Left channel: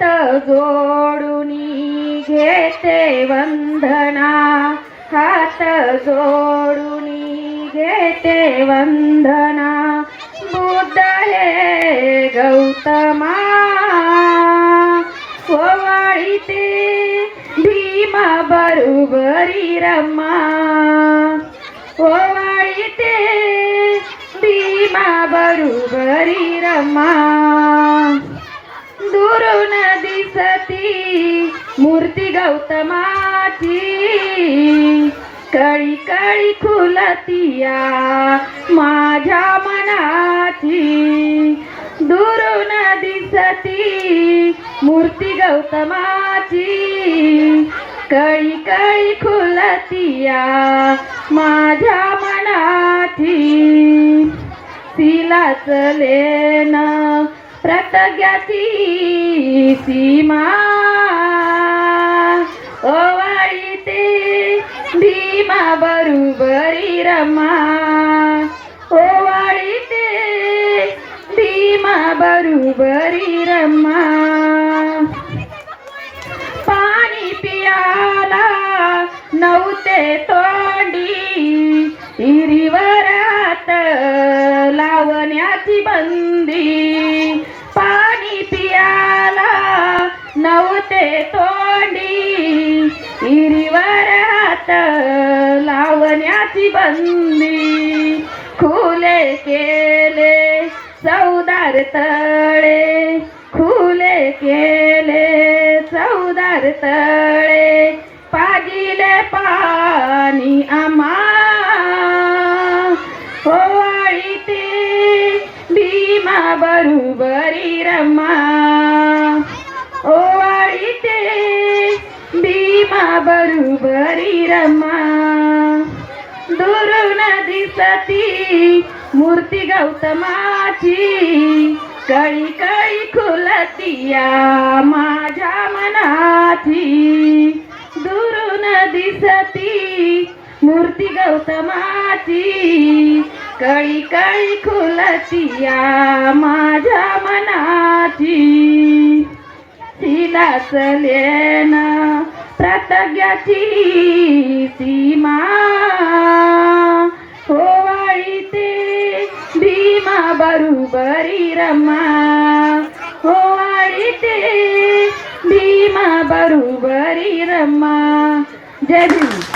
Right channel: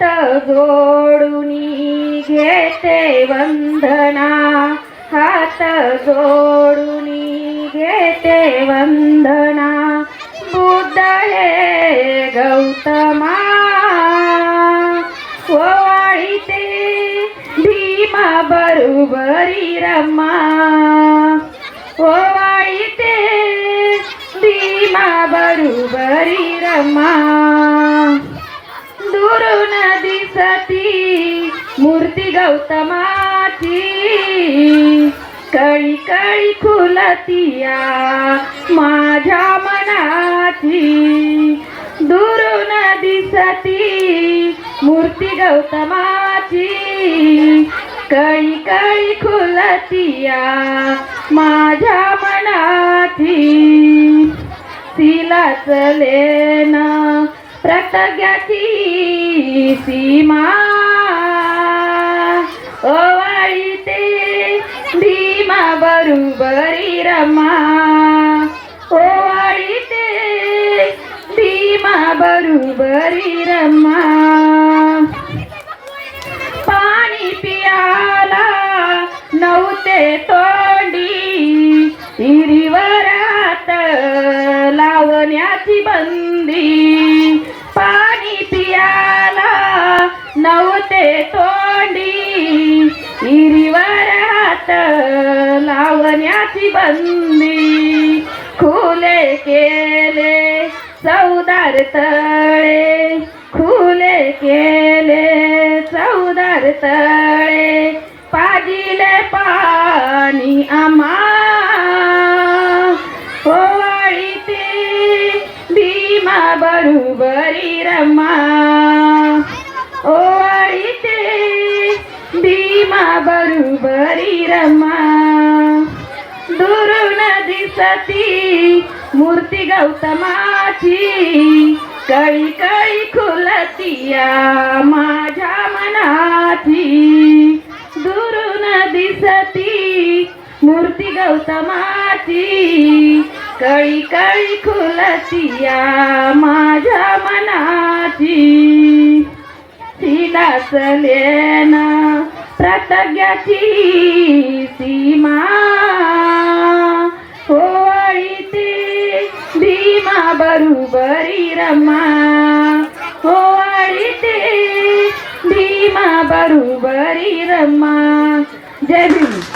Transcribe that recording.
हात जोडूनी घेते वंदना, हात जोडूनी घेते वंदना, बुद्ध हे गौतमा ओवाळीते भीमा बरोबरी रमा, ओवाळीते भीमा बरोबरी रमा. दुरून दिसती मूर्ती गौतमाची, कळी कळी खुलतिया माझ्या मनाची. दुरून दिसती मूर्ती गौतमाची, कळी कळी खुलतिया माझ्या मनाची. तिला चलेन प्रतज्ञाची सीमा, ओवाळीते भीमा बरोबरी रमा, ओवाळीते भीमा बरोबरी रमा. पाणी पियाला नव्हते तोंडी, हिरीवरात लावण्याची बंदी. पाणी पियाला नव्हते तोंडी, हिरीवरात लावण्याची बंदी. खुले केले चौदार तळे, खुले केले चौदार तळे, पाजिले पाणी आम्हा, ओवाळीते भीमा बरोबरी रमा, ओवाळीते भीमा बरोबरी रमा. दुरून दिसती मूर्ती गौतमाची, कळी कळी खुलतिया माझ्या मनाची. दुरून दिसती मूर्ती गौतमाची, कळी कळी खुलतिया माझ्या मनाची. तिला चलेन प्रतज्ञाची सीमा, ओवाळीते भीमा बरोबरी रमा, ओवाळीते भीमा बरोबरी रमा. जय भीम.